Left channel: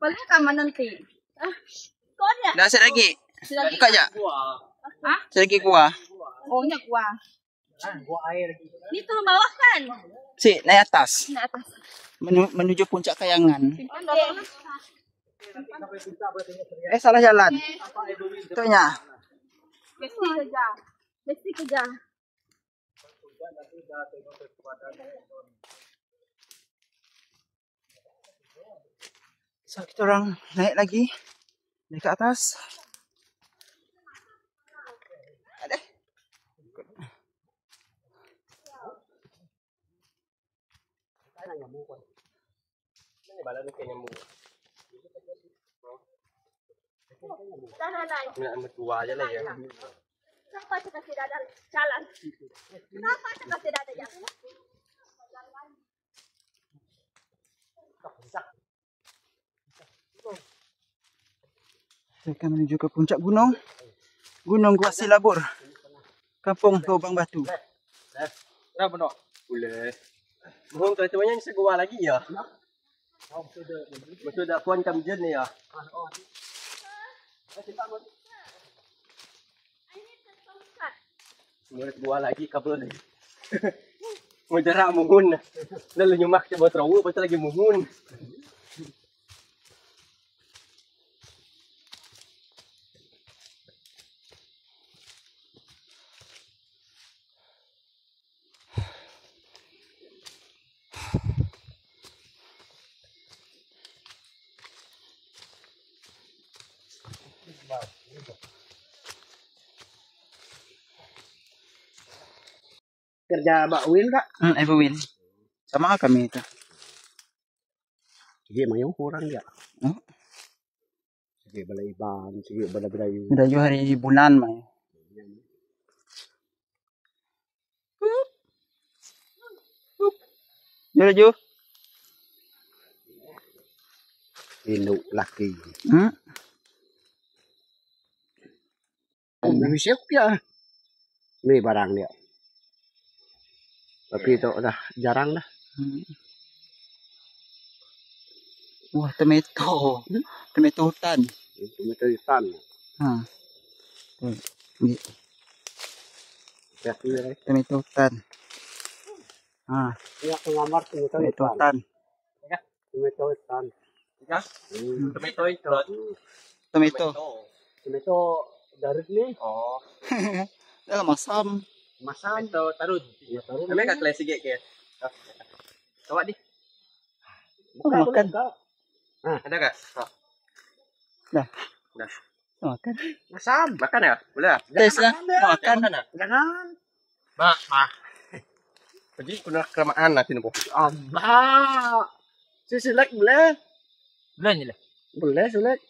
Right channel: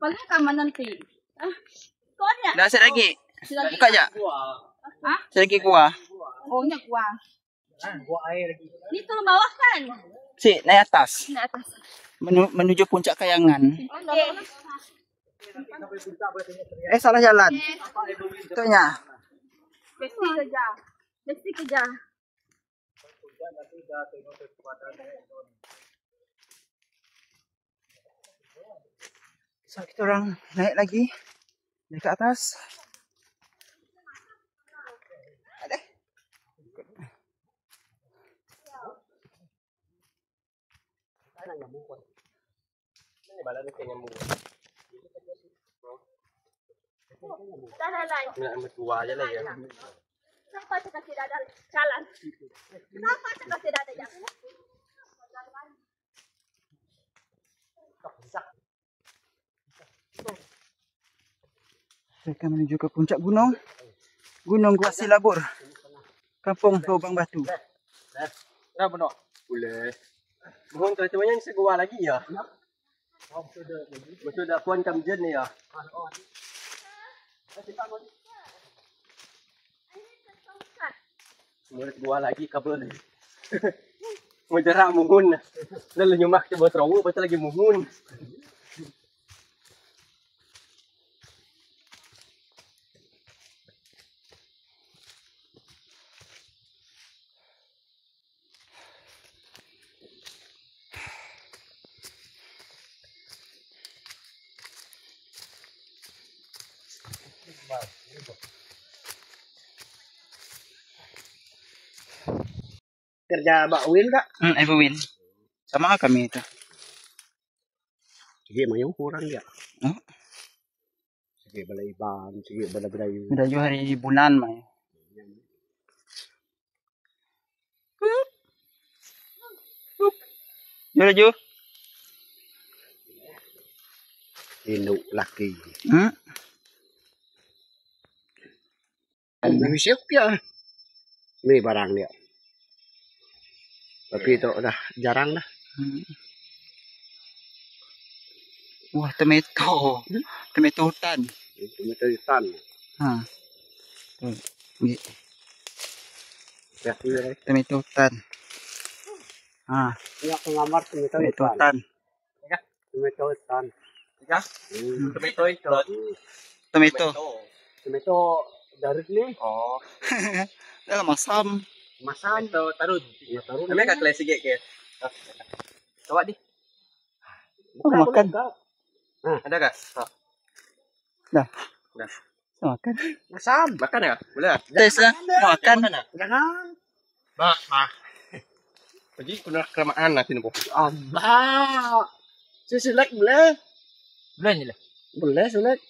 Balik ka man nanti. Kon ya. Nasa lagi. Buka aja. Hah? Lagi kuah. Oh, nya kuah. Dito na bawah kan? Si, naik atas. Di atas. Menuju puncak Kayangan. Okay. Salah jalan. Itunya. Besti kerja. Besti kerja. So, kita orang naik lagi. Naik ke atas. Ada. Tua aja lah ya. Kenapa kita tidak ada jalan? Kenapa kita tidak ada jalan? Kita akan menuju ke puncak gunung. Gunung Gua Silabur. Kampung Lubang Batu. Dah benar. Boleh. Mohon teman-temannya ni segua lagi ya. Betul dah puan kamjen ni ya. Semua segua lagi kabel ni. Mau jarak mohon. Lalu nyemak coba terawuk betul lagi mohon. Kerja Mbak Win kak? Ibu Win. Sama kami itu. Sige mayong kurang dia. Oh. Sige balay iban, sige balay-balay. Udah juga hari bulan mah. Jujur. Inu laki. Ano? Siap ya. Ini barang dia. Tapi itu udah jarang dah. Wah, tomato. Tomato hutan. Tomato hutan. Ya, iya. Tomato hutan. Ini aku ngamar tomato hutan. Tomato hutan. Ya. Tomato hutan. Tomato. Tomato dari ni. Oh. Dah masam. Masam. Tomato tarun. Ya, tarun. Kami kat klasik ke. Coba di. Makan. Ada kah? Dah. Dah. Makan. Masam. Makan ya? Boleh. Tes lah. Makan. Jangan. Mak. Jadi kena kelamaan nanti nih, Bu. Anda. Selek boleh? Boleh ni lah. Boleh selek.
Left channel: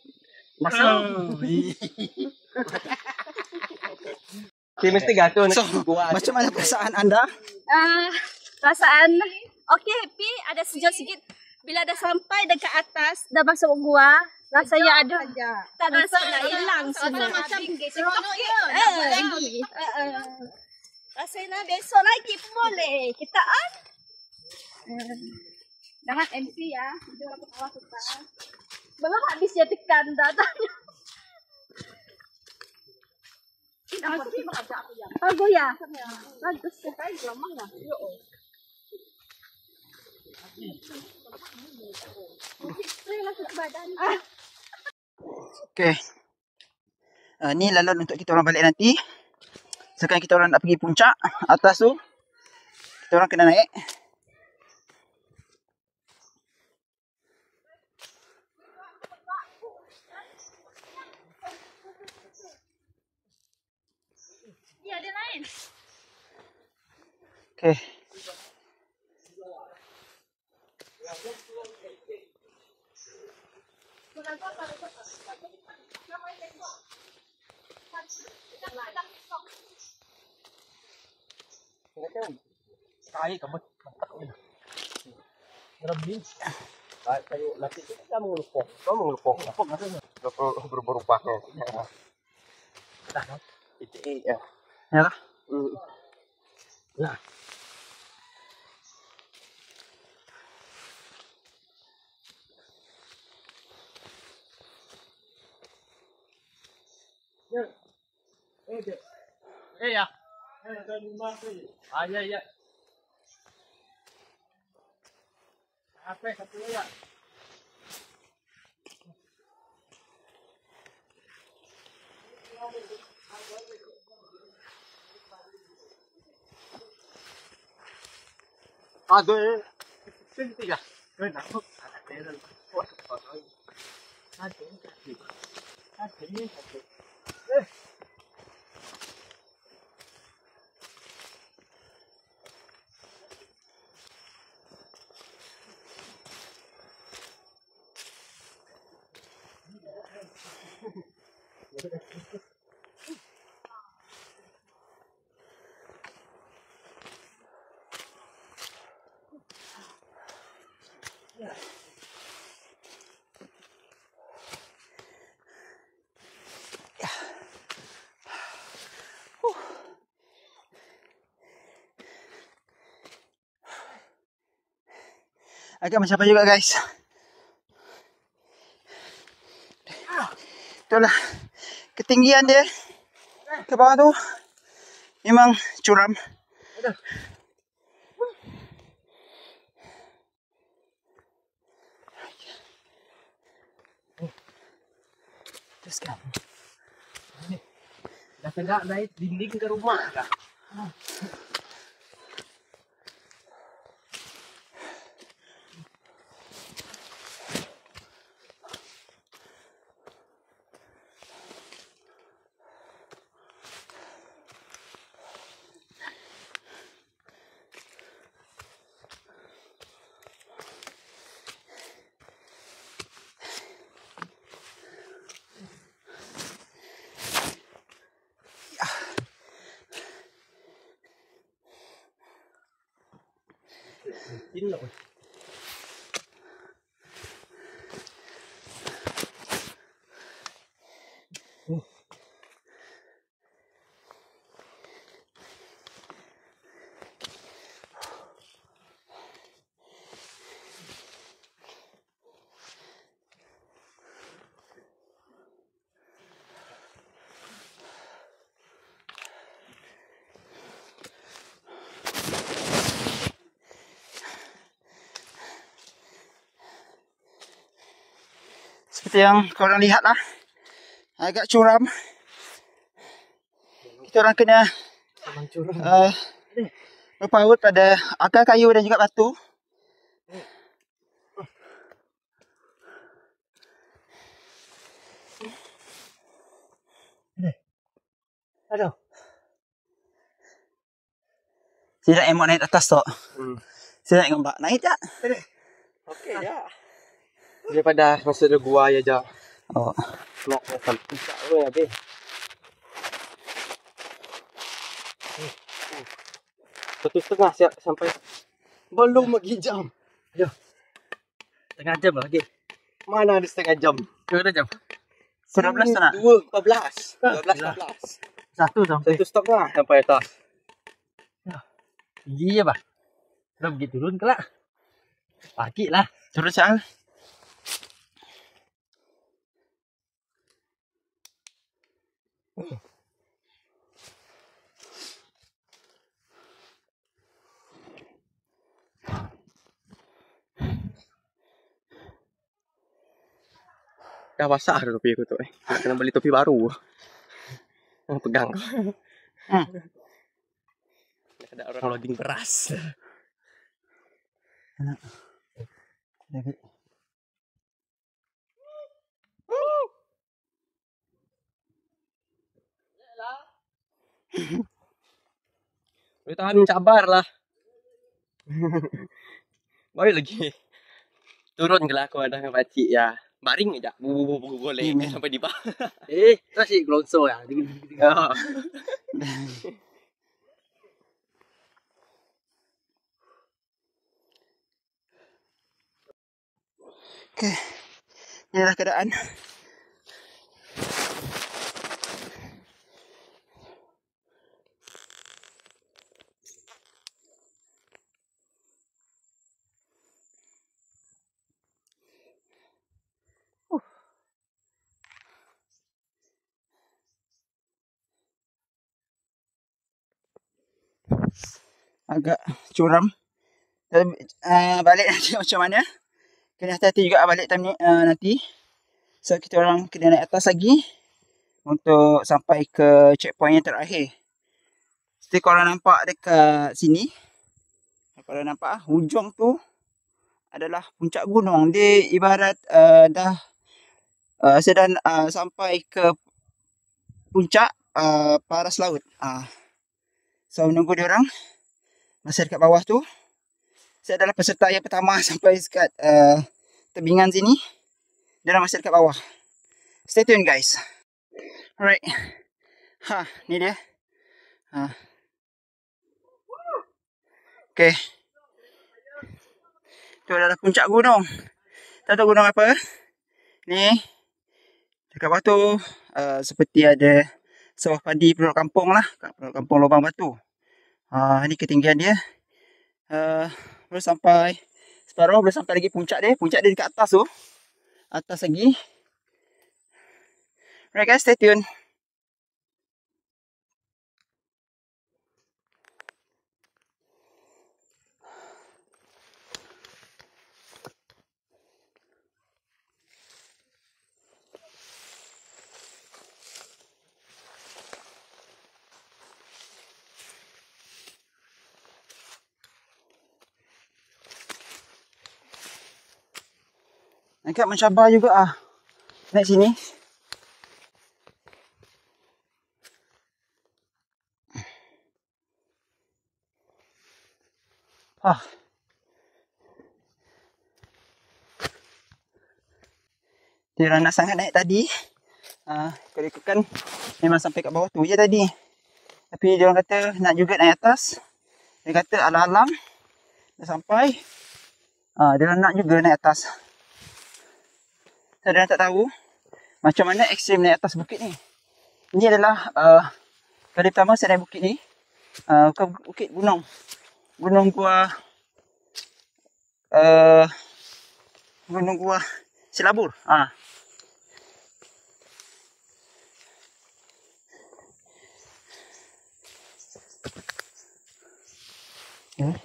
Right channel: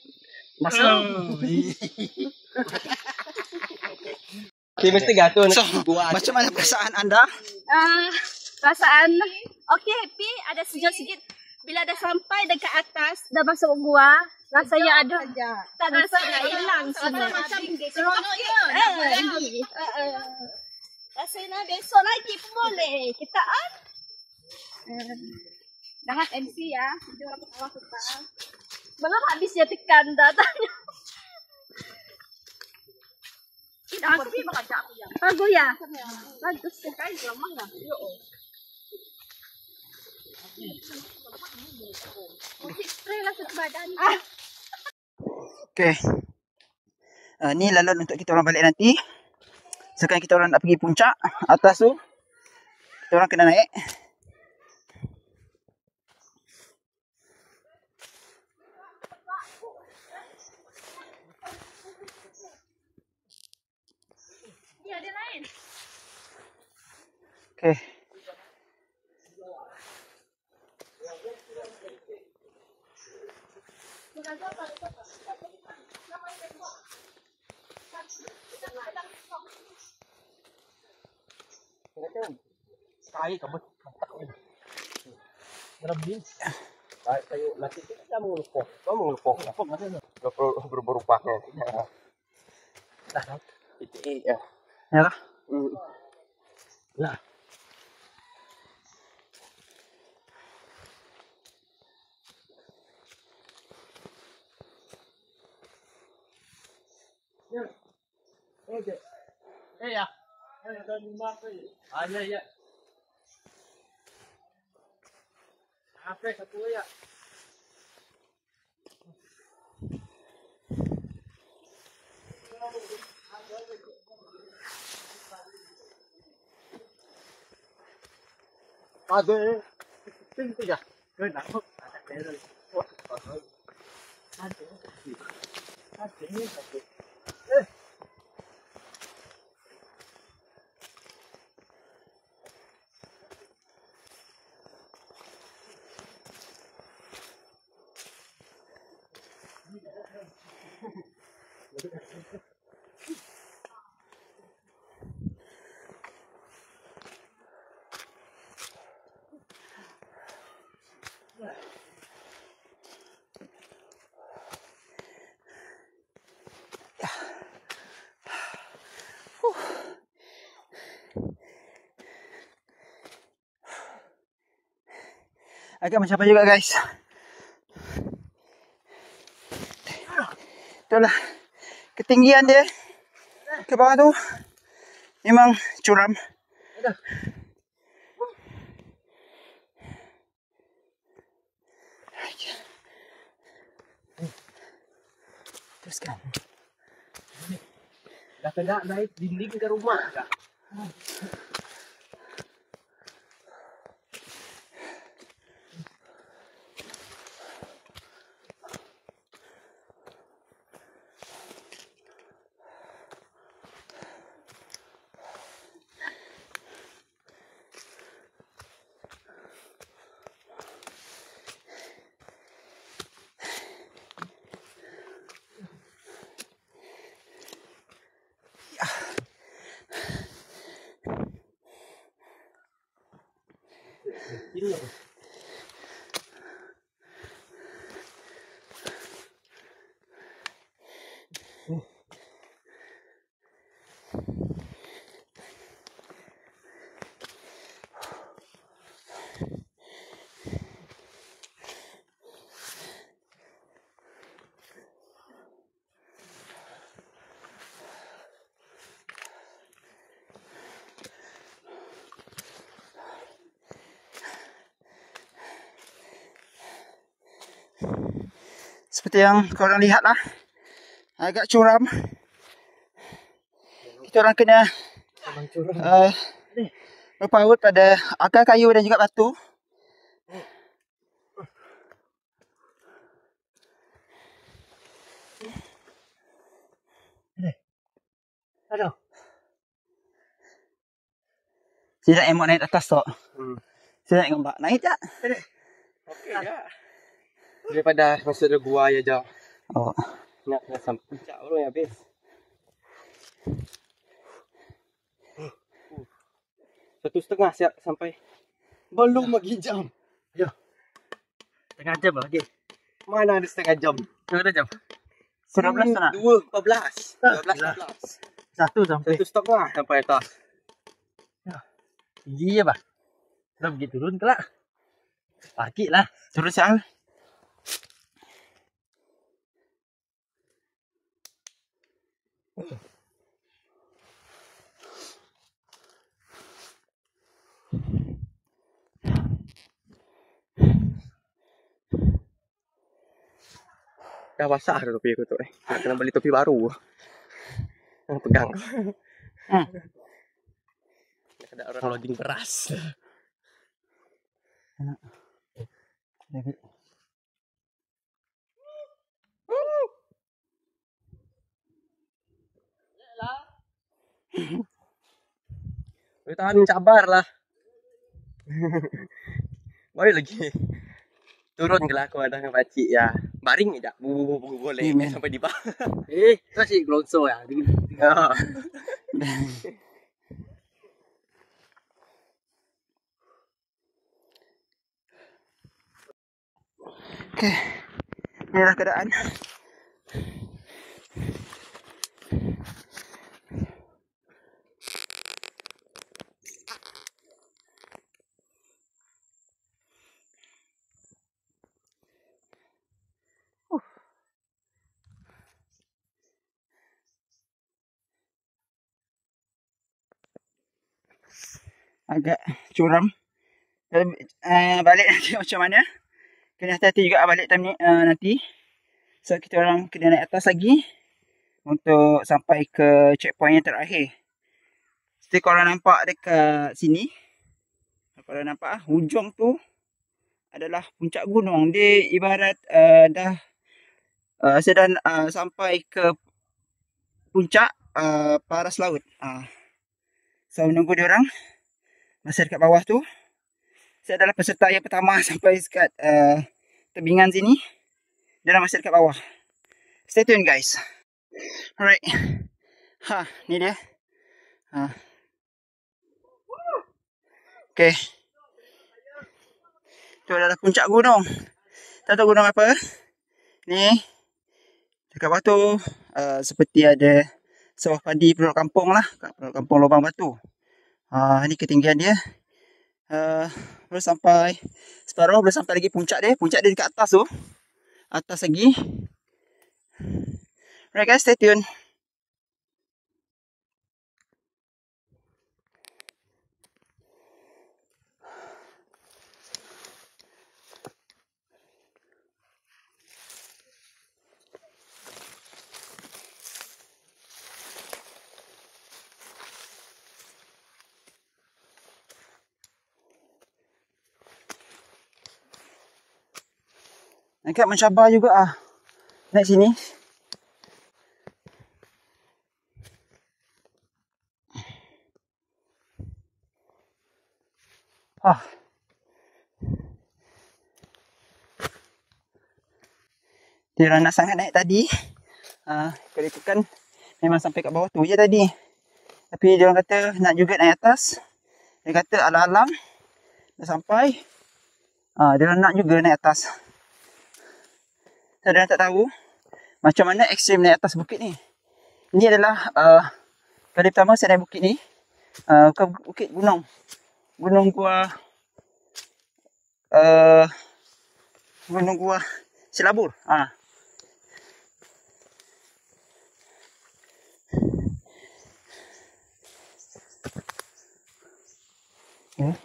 Masam. Mesti gato nih. So, macam mana perasaan anda? Perasaan okey, happy, ada sejuk sikit. Bila dah sampai dekat atas, dah masuk gua, rasanya ada tak rasa hilang semua. Macam seronok ya. Rasanya besok lagi pun boleh. Kita on. Dah MC ya. Kita orang ketawa kita. Belum habis ya tekan datanya. Bagus ya. Bagus sekali mana? Okey. Ni lalon untuk kita orang balik nanti. Sekarang kita orang nak pergi puncak atas tu. Kita orang kena naik. Okey. Sekali kamu mantap ini. Berapa kayu nanti kita mengelupok. Kamu mengelupok. Apa maksudnya? Berubah-ubah kan. Dah. Ya. Ya. Lah. ya. Ya ya. Oke, satu ya. Aduh, sini ya. Kenapa? Agak mencapai juga guys. Itulah ketinggian dia ke bawah tu memang curam. Teruskan. Dah kena naik dinding ke rumah dah. Ini apa? Seperti yang korang lihat lah, agak curam. Kita orang kena berpaut pada akar kayu dan juga batu. Aduh. Saya nak emot naik atas tu. Saya nak gambar. Naik tak? Okey ya. Daripada masuk ke gua aja. Oh. Nak sampai puncak tu ya, Be. Satu setengah siap sampai. Belum lagi jam. Ya. Setengah jam lagi. Mana ada setengah jam? Berapa jam? 12 tak nak? 2:14. 12:14. Satu sampai. Satu setengah sampai atas. Tinggi je bah. Dah pergi turun kelak. Parkir lah. Turun Syal. Dah basah dah topi aku tu Nak kena beli topi baru. Yang pegang. Ada orang loading beras. Lagi. Boleh tahan sabar lah. Boleh lagi. Turun ke lah aku ada dengan pakcik ya. Baring aja. Boleh sampai di bawah. Tu si gelonsor ya. Okey. Inilah keadaan. agak curam. Balik nanti macam mana. Kena hati-hati juga balik time ni nanti. So kita orang kena naik atas lagi untuk sampai ke checkpoint yang terakhir. Seperti korang nampak dekat sini. Korang nampak hujung tu adalah puncak gunung. Dia ibarat dah sedang sampai ke puncak paras laut. So menunggu dia orang masa dekat bawah tu. Saya adalah peserta yang pertama sampai dekat tebingan sini. Dia orang masih dekat bawah. Stay tune guys. Alright. Ni dia. Okay. Tu adalah puncak gunung. Tak tahu gunung apa. Ni. Dekat bawah tu seperti ada sawah padi penduduk kampung lah. Penduduk kampung Lubang Batu. Ni ketinggian dia. Boleh sampai separuh, boleh sampai lagi puncak dia. Puncak dia dekat atas tu. Atas lagi. Alright guys, stay tune. Agak mencabar juga naik sini. Dia nak sangat naik tadi. Kalau ikutkan memang sampai kat bawah tu je tadi. Tapi dia orang kata nak juga naik atas. Dia kata alam-alam dah sampai. Dia orang nak juga naik atas. Saya tak tahu macam mana ekstrim naik atas bukit ni. Ini adalah kali pertama saya naik bukit ni. Bukan bukit, gunung. Gunung Gua Gunung Gua Silabur. Okay.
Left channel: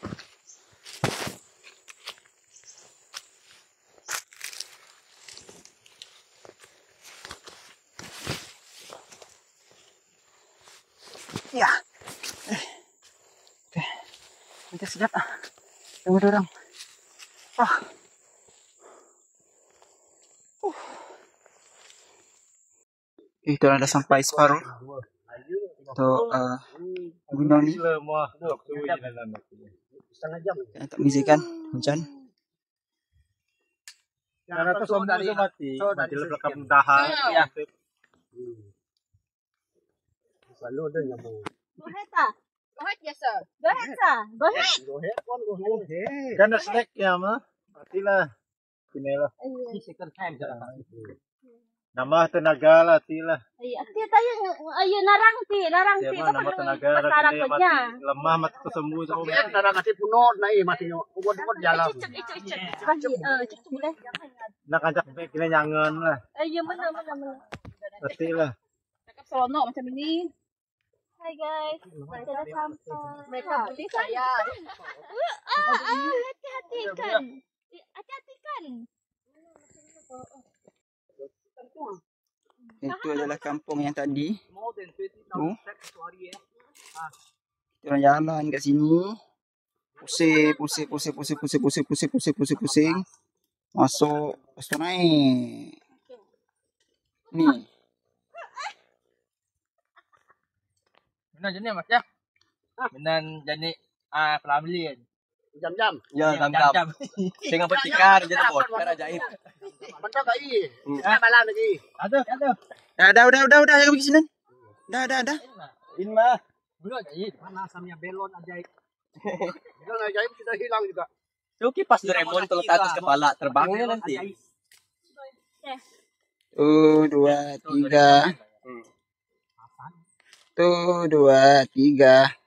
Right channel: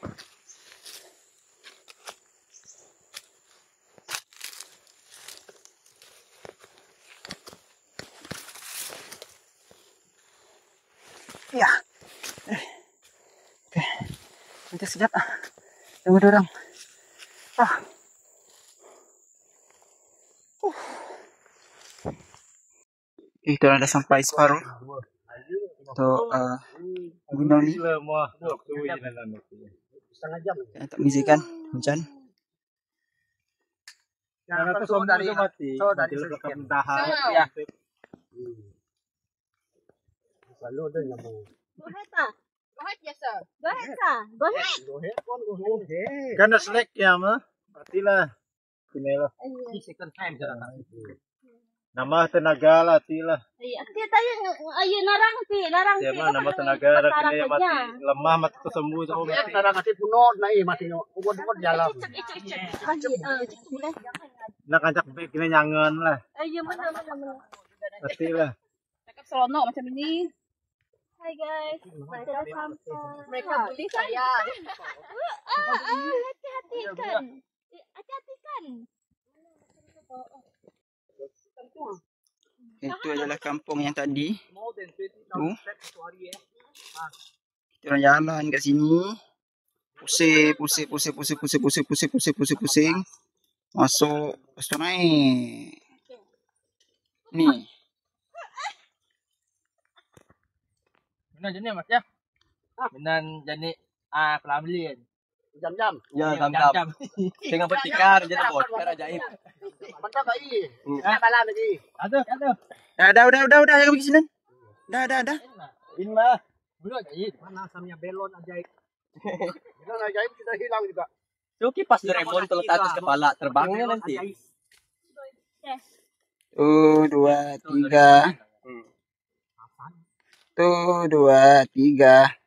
Ya. Okay. Nanti sekejap. Tunggu dia orang. Kita orang dah sampai separuh. Untuk gunung ni. Tak mengizinkan hujan. Karena tu semua dari mati. Dari belakang dahar. Ya. Selalu ada nyamuk. Gohet tak? Gohet biasa. Gohet tak? Gohet. Karena seleknya mah. Matilah. Inilah. Second time jarang. Nama tenaga lah tilah. Ati tayo ayo narang pi. Nama tenaga kini mati lemah mati kesembuh jauh mati. Narang mati puno nai mati nyo. Ubod jalan. Nak ajak baik kini nyangen lah. Ayo mana. Pastilah. Cakap seronok macam ini. Hai guys, kita dah sampai. Mereka beli saya. Hati-hati kan. Itu adalah kampung yang tadi. Tu. Kita orang jalan kat sini. Pusing. Masuk. Lepas tu naik. Ni. Benar jenis mas ya. Benar jenis pelamlian. Jam-jam. Ya, jam-jam. Dengan bertikar je nak bot. Kan ajaib. Betul tak i? Balan lagi. Ada. Dah. Jangan pergi sini. Dah. In mah. Belum ajaib. Mana asamnya belon ajaib. Belon ajaib sudah hilang juga. Tu kipas Doraemon terletak atas kepala terbangnya nanti. 1, 2, 3. 1, 2, 3.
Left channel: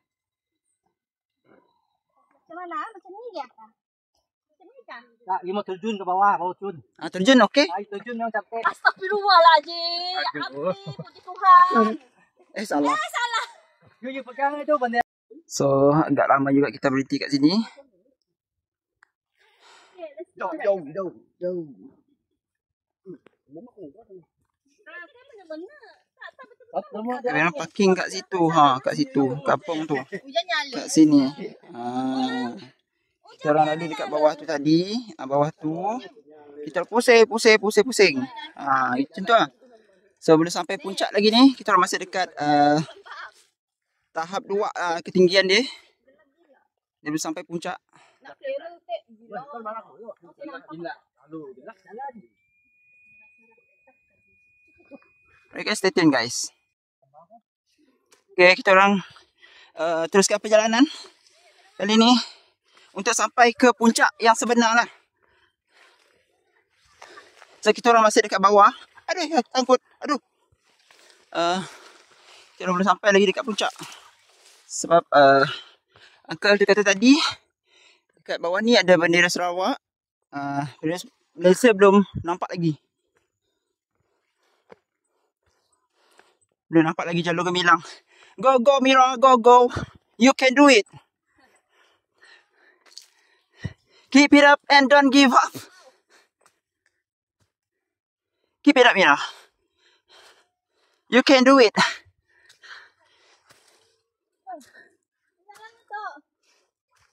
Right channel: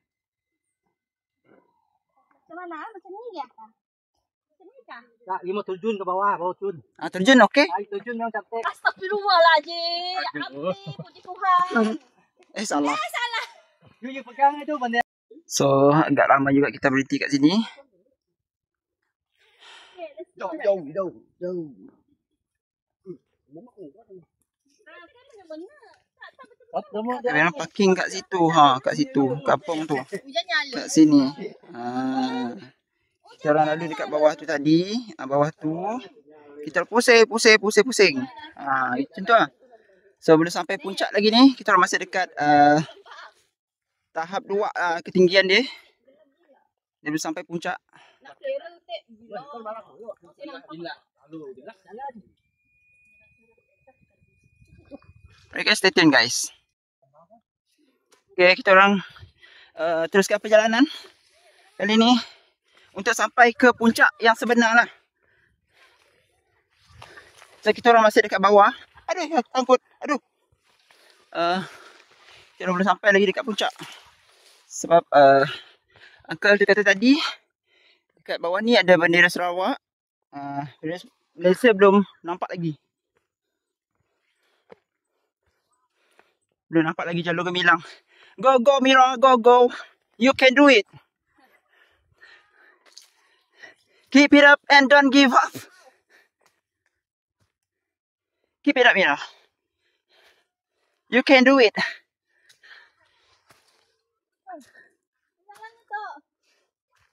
Macam ni ya? Macam ni kah? Tak, dia mau terjun ke bawah, terjun. Terjun okey? Terjun yang cantik. Astagfirullahaladzim. Amin, puji Tuhan. Salah. You pegang itu benda. So agak lama juga kita berhenti kat sini. Jom, jom, jom, jom. Memang parking kat situ, kat situ, kampung tu. Kat sini. Kita orang lalu dekat bawah tu tadi, bawah tu kita pusing. Macam tu lah. So belum sampai puncak lagi ni, kita orang masih dekat tahap 2 ketinggian dia. Dia belum sampai puncak. Okay, stay tune guys. Okay, kita orang teruskan perjalanan kali ni untuk sampai ke puncak yang sebenar lah. So kita orang masih dekat bawah. Aduh, sangkut. Aduh. Kita orang belum sampai lagi dekat puncak. Sebab uncle tu kata tadi dekat bawah ni ada bendera Sarawak. Malaysia belum nampak lagi. Belum nampak lagi jalur gemilang. Go, go Mira, go, go. You can do it. Keep it up and don't give up. Keep it up Mira. You can do it.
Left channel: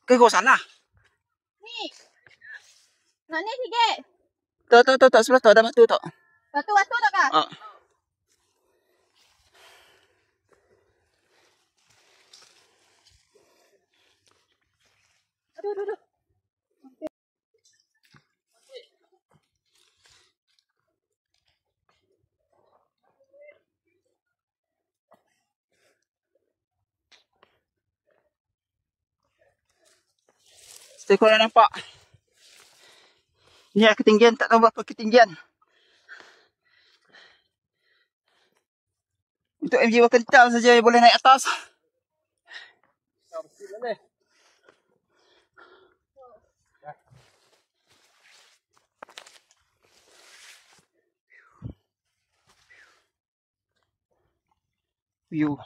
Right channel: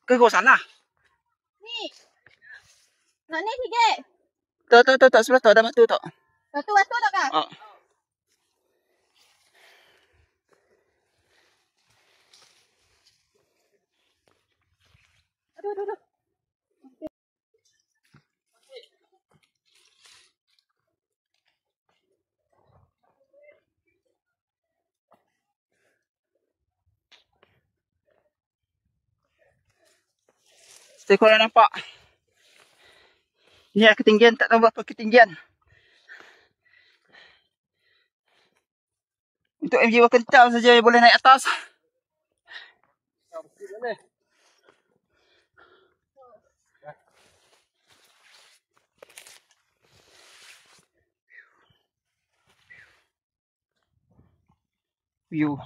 Ke kau salah? Ni. Nak ni sikit. Tak, sebelah tu ada batu tak? Batu tak kah? Aduh. Stay korang nampak. Ni lah ketinggian, tak tahu berapa ketinggian. Untuk MG kental saja boleh naik atas. View.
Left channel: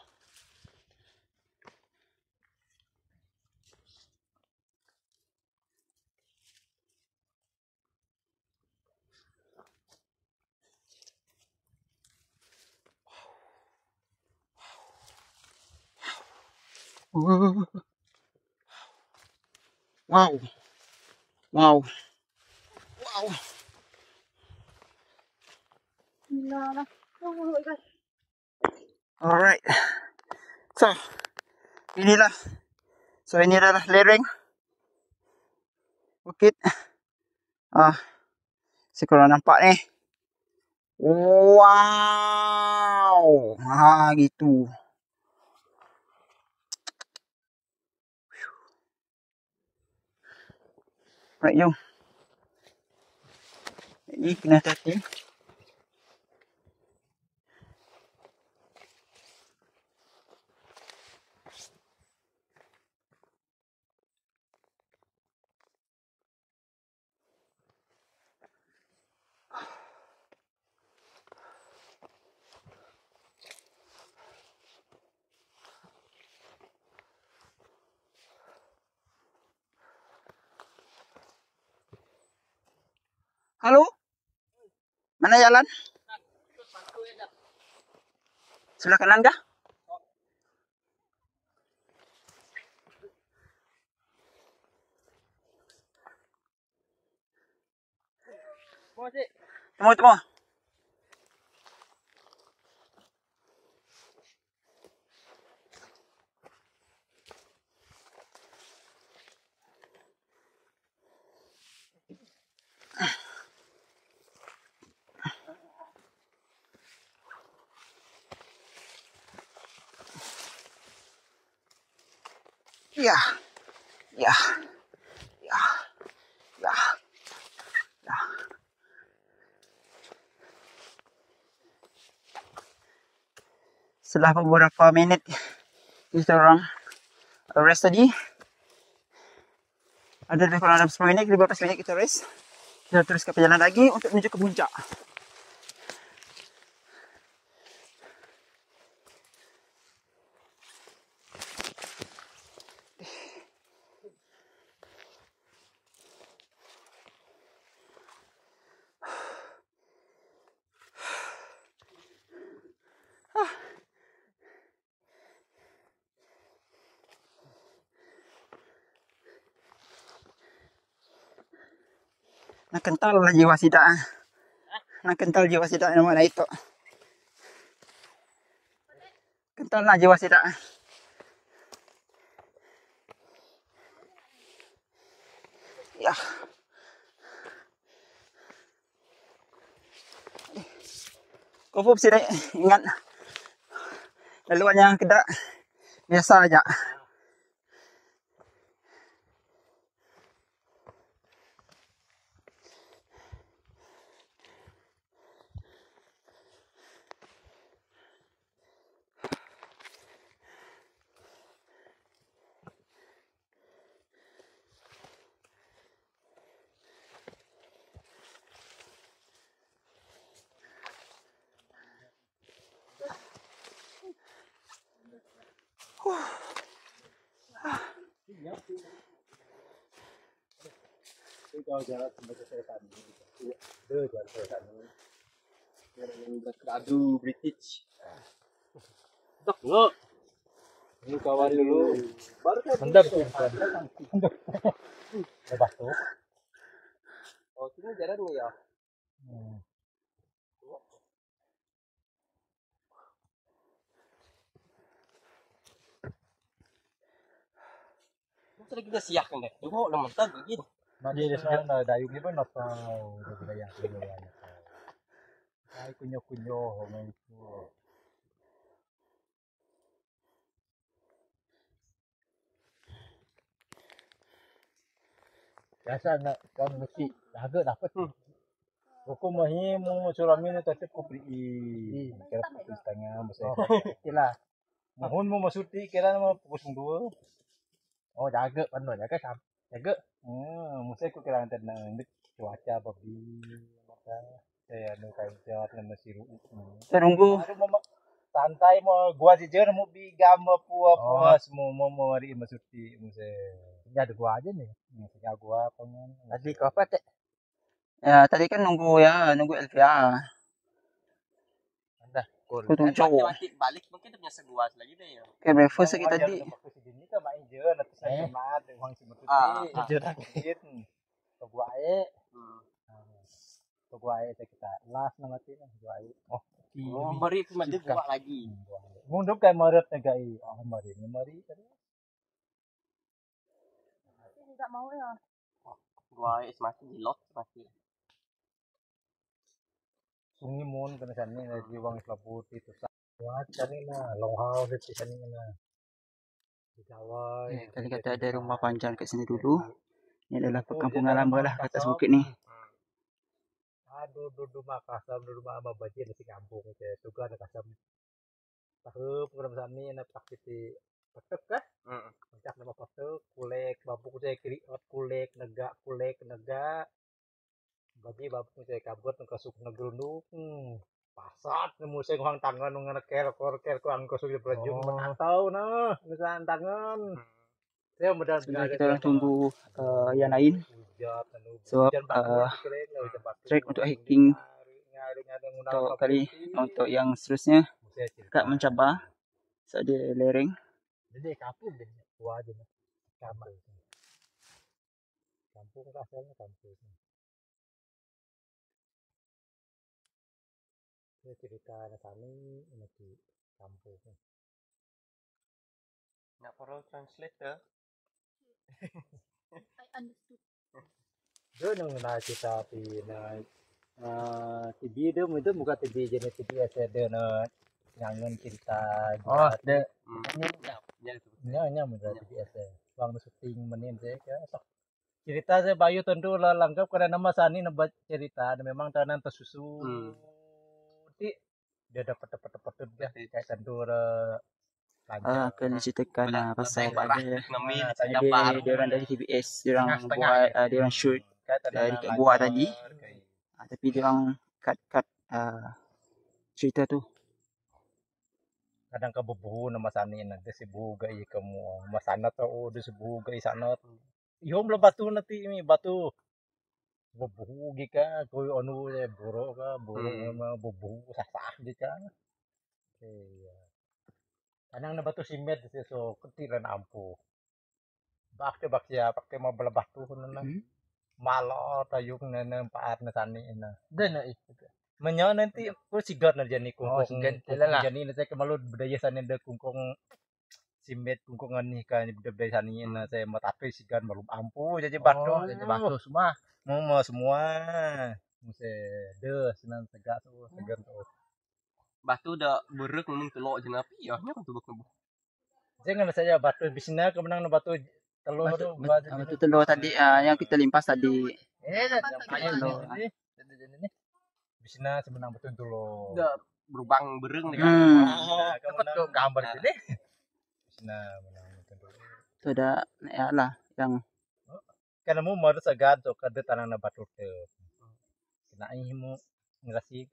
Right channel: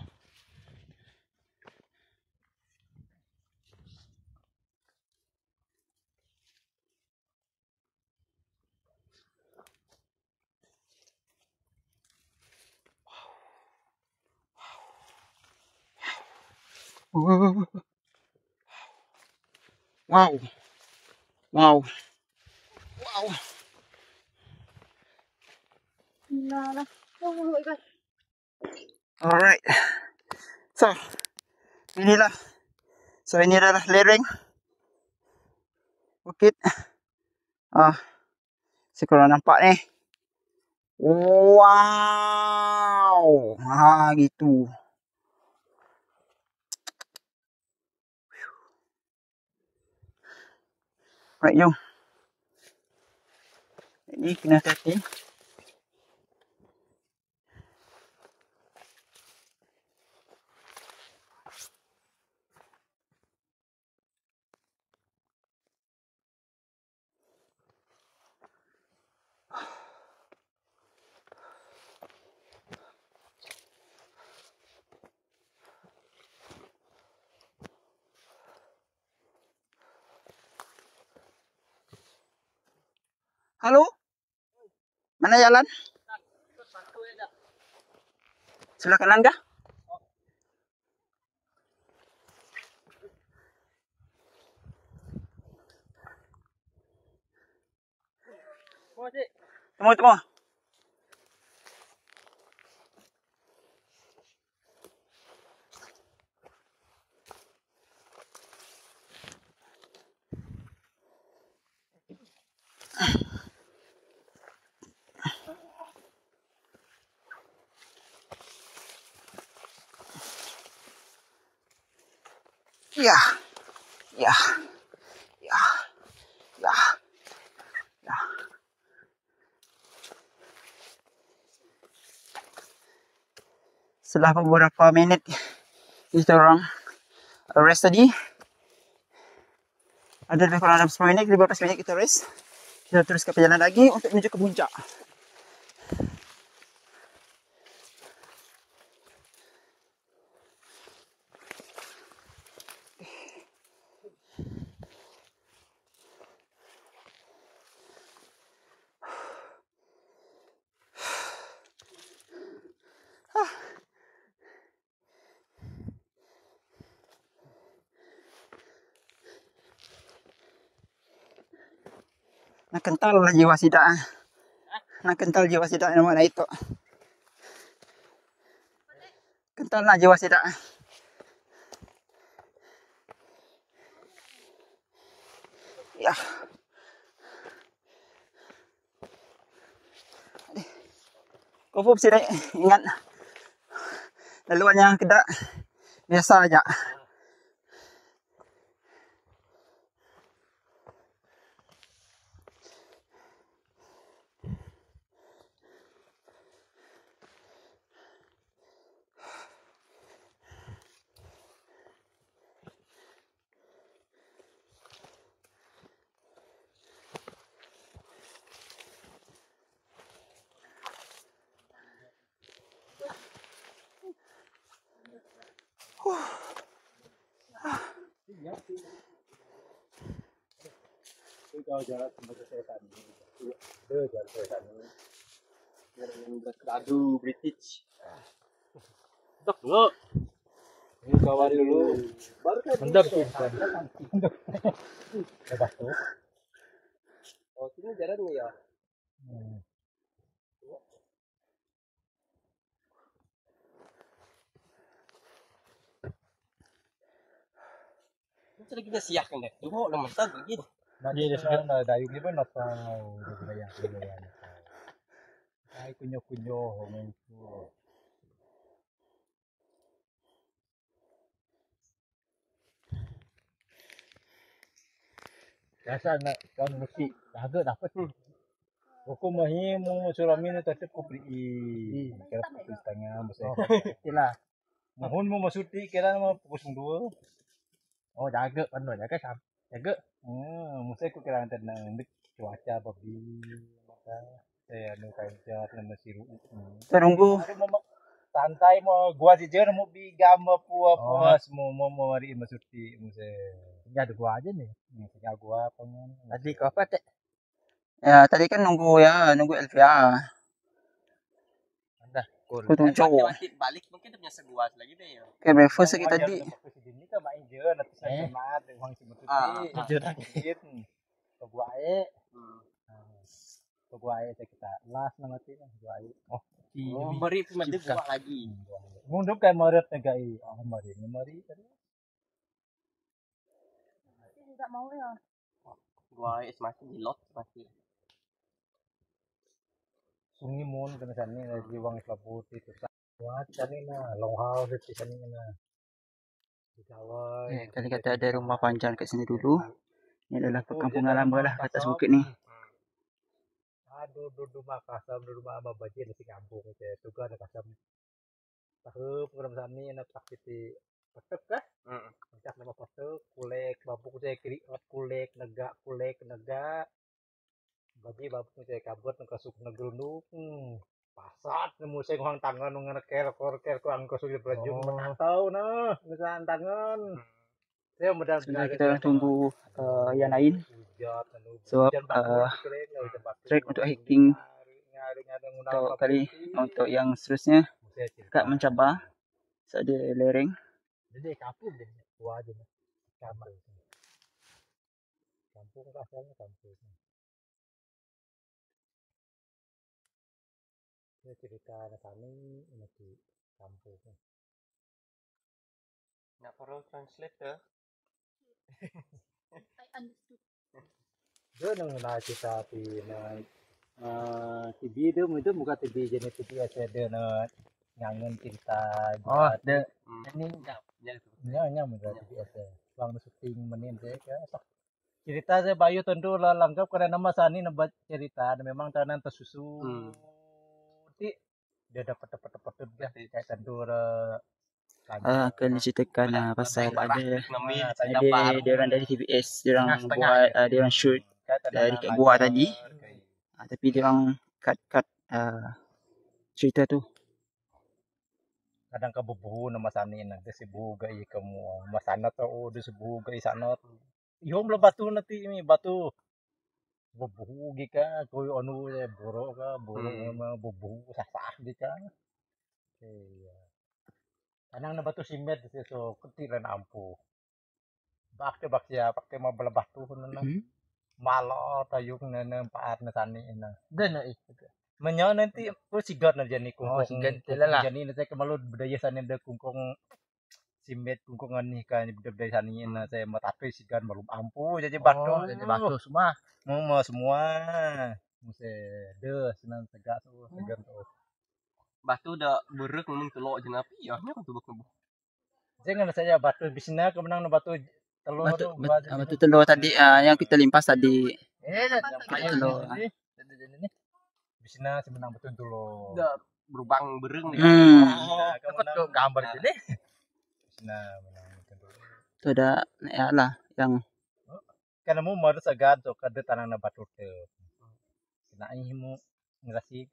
Wow. Oh my god. Alright. So, inilah. Ini adalah lereng bukit. Sekorang nampak ni. Wow. Gitu. Right, jom. Ini kena hati-hati. Halo? Mana jalan? Sebelah kanan kah? Temu. Ya. Setelah beberapa minit kita orang rest tadi. Ada lebih kurang 10 minit, 15 minit kita rest. Kita teruskan perjalanan lagi untuk menuju ke puncak. Nak kental lah jiwa sidak. Nak kental jiwa sidak nama lah itu. Kental lah jiwa sidak. Ya. Kau pun sih ingat. Laluannya kedak biasa aja. Aduh, British. Tak lo. Ini kawan dulu. Baru kan. Mendap tu. Lepas tu. Oh, sini jalannya ya. Masa lagi dah siap kan dah. Tengok nama tak begini. Nak dia sekarang dah dayung ni pun nak tahu dia bayang bayang. Ai kunyo orang itu. Biasa nak kau mesti harga dapat. Hukum mahim sulamin tetap kupri. Kira pukul setengah mesti. Itulah. Mohon mau masuti kira mau pukul 2. Oh jaga pandai jaga sam. Jaga. Mesti aku kira tenang cuaca babi. Maka saya anu kajar nama siru. Tunggu. Santai mau gua jejer mau bigam apa semua mau mari masuti mesti. Tinggal gua aja nih. Tinggal gua pengen. Tadi kau apa teh? Ya, tadi kan nunggu Elvia. Dah. Kau tunggu. Balik mungkin dia punya seguas lagi deh ya. Kayak breakfast lagi tadi. Ini kan main je nanti saya semangat uang si masuti. Jejer dikit. Gua ae. Gua ae kita last nama ti gua ae. Oh, mari cuma dia buat lagi. Mundur kan maret negai. Mari tadi. Tidak mau ya. Gua masih di lot masih. Sungi mun kena sana dari wang selaput itu. Buat cari na long house di sana na. Di Jawa. Tadi kata ada rumah panjang kat sini dulu. Ini adalah perkampungan lama lah kat atas bukit ni. Aduh, duduk Makassar, duduk Mama Bajir di kampung saya. Juga ada kasam. Tahu program sani nak pakiti petek kah? Macam nama petek, kulek, babuk saya kiri kulek, negak, bagi babuk saya kabut nak kasuk negerunduk. Pasat nemu saya ngurang tangan ngeker ku angko sudah berjum menatau nah, misalnya tangan. Saya mudah kita tunggu yang lain. Sebab trek untuk hiking untuk kali untuk yang seterusnya Kak mencabar ada lereng. Jadi kampung deh, tua aja nih. Kampung asalnya kampung. Saya cerita anak kami di kampung. Nak perlu translator. I understood. Dia nang cerita di TV dia itu bukan TV jenis TV ada nyangen cerita. Oh, ada. Nya mudah biasa. Bang syuting menin saya ke. Cerita saya Bayu tentu lah lengkap karena nama Sani nebat cerita dan memang tanan tersusu. Dia dapat dia kayak tentu akan diceritakan pasal ada dia orang dari TBS, dia orang buat dia orang shoot dari kat gua tadi. Tapi dia orang cut cerita tu. Kadang kebubuh nama Sani nanti sibu gai kamu masana tau dia sibu gai sana. Iyo belum batu nanti ini batu. Bubuh gika koyo anu borok ka borok bubuh sah-sah gika. Iya. Kanang na batu simet so ketiran ampu. Bakte bakya pakte mau bela batu na. Malo tayung na paat na tani na. Dan Menyo nanti pun sigat na jani kungkong. sigat Kungkong lah. jani na saya kemalu budaya sana ada kungkong simet kungkongan ni kan budaya sana na saya matape sigat malu ampu jadi batu. Jadi batu semua. Mau semua. Muse de senang tegak tu segan tu. Batu dah berek memang telok je napi ya. Ni tu bukan. Jangan saja batu bisna kemenang na batu telur tu Batu telur tadi yang kita limpas tadi. telur. Bisna semenang betul telur. Dah berubang bereng ni. Kemenang gambar je ni. Bisna menang betul telur. Tu ada ya lah yang Kan mu mau segan tu kada tanang na batu tu. Kena imu ngrasi.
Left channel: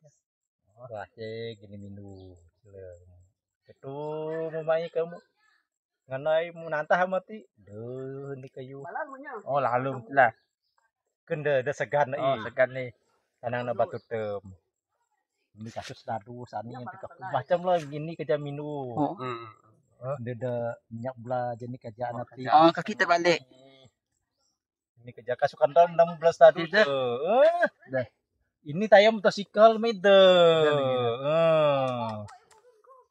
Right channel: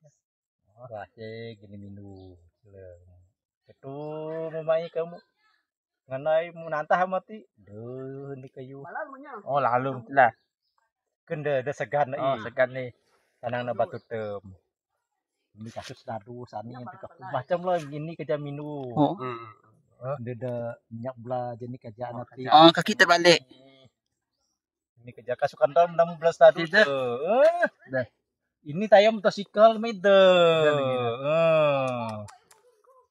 Rase gini minu. Itu memai kamu nganai mu nantah mati. Duh ni kayu. Oh lalu lah. Kende ada segan ni. Segan ni. Tanang na batu tem. Ini kasus dadu sani yang tikap macam lah gini kerja minu. Dia ada minyak belah jenis kerja nanti. kaki terbalik. Ini kerja kasukan dalam 16 dadu tu. Ini tayar motosikal mede.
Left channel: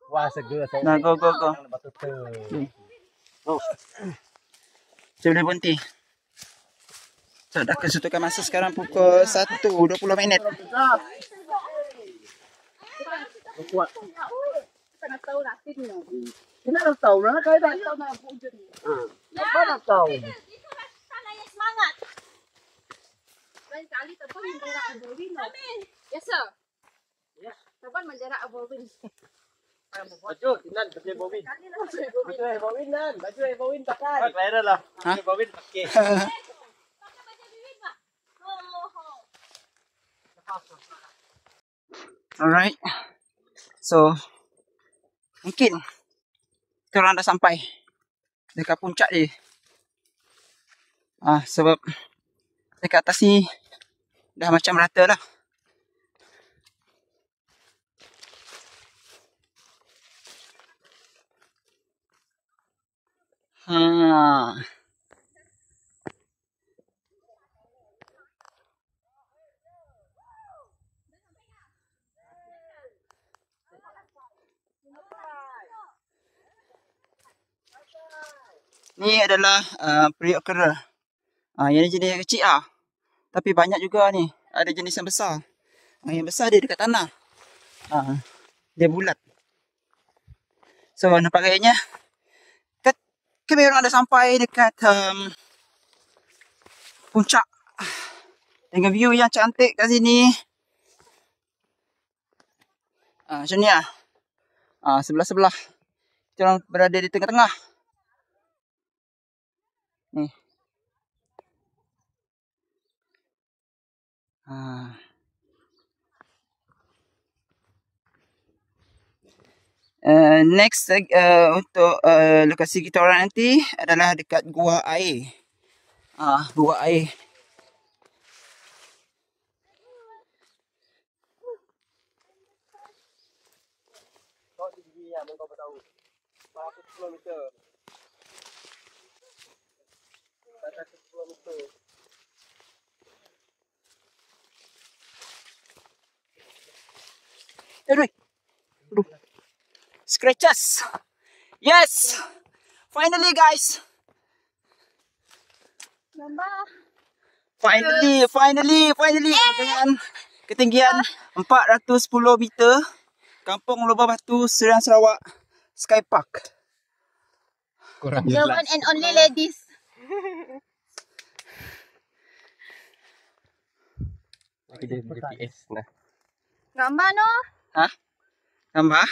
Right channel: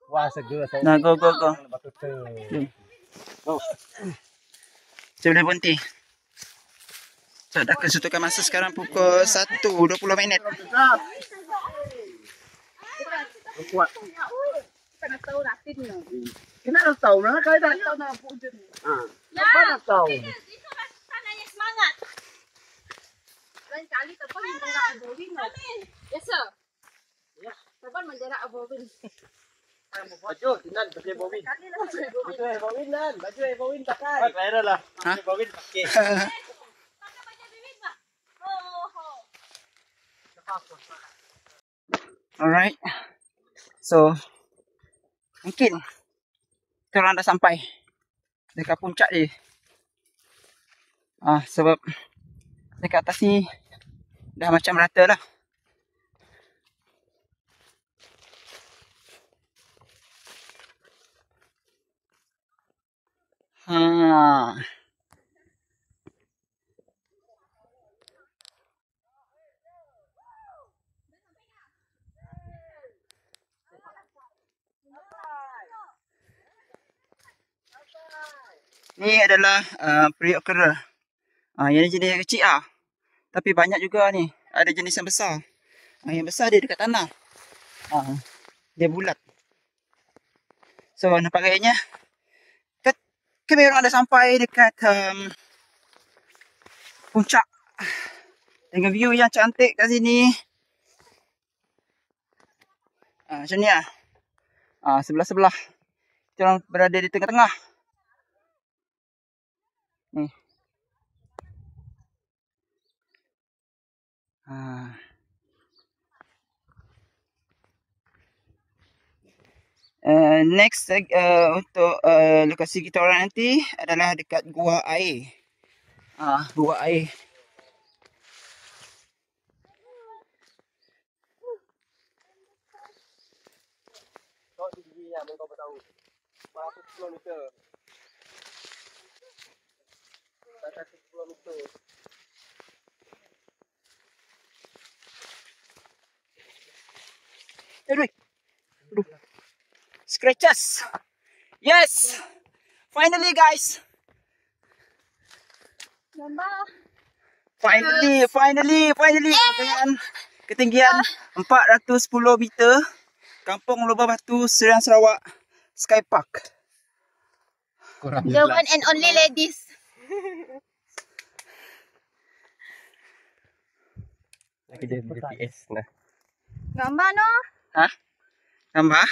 Wah seger saya. Nah, go. Batu tem. Saya boleh berhenti. So, dah kesutukan masa sekarang pukul 1:20. Kena tahu ratin ni. Kena tahu lah kau dah tahu nak punjut. Apa nak tahu? Itu tanahnya semangat. Lain kali tepan menjarak abowin. Ya sir. Ya. Tepan menjarak abowin. Baju nan baju bobin. Baju bobin nan, baju bobin pakai. Viral lah. Hah? Bawin pakai. Alright. So, mungkin kita orang dah sampai dekat puncak ni. Sebab dekat atas ni dah macam rata lah. Ni adalah periuk kera. Yang ni jenis yang kecil lah. Tapi banyak juga ni. Ada jenis yang besar. Yang besar dia dekat tanah. Dia bulat. So nampak kayaknya kami orang dah sampai dekat puncak. Dengan view yang cantik kat sini. Macam ni lah. Sebelah-sebelah. Kita orang berada di tengah-tengah. Ni. Next untuk lokasi kita orang nanti adalah dekat gua air. Gua air. Kau tinggi ya, kau tahu. 100 km. 100 km. Aduh. Scratches. Yes. Finally guys. Finally dengan ketinggian 410 meter. Kampung Lubang Batu, Serian Sarawak Sky Park. The one and only ladies. Lagi dia GPS nah. Gambar no? Hah? Tambah?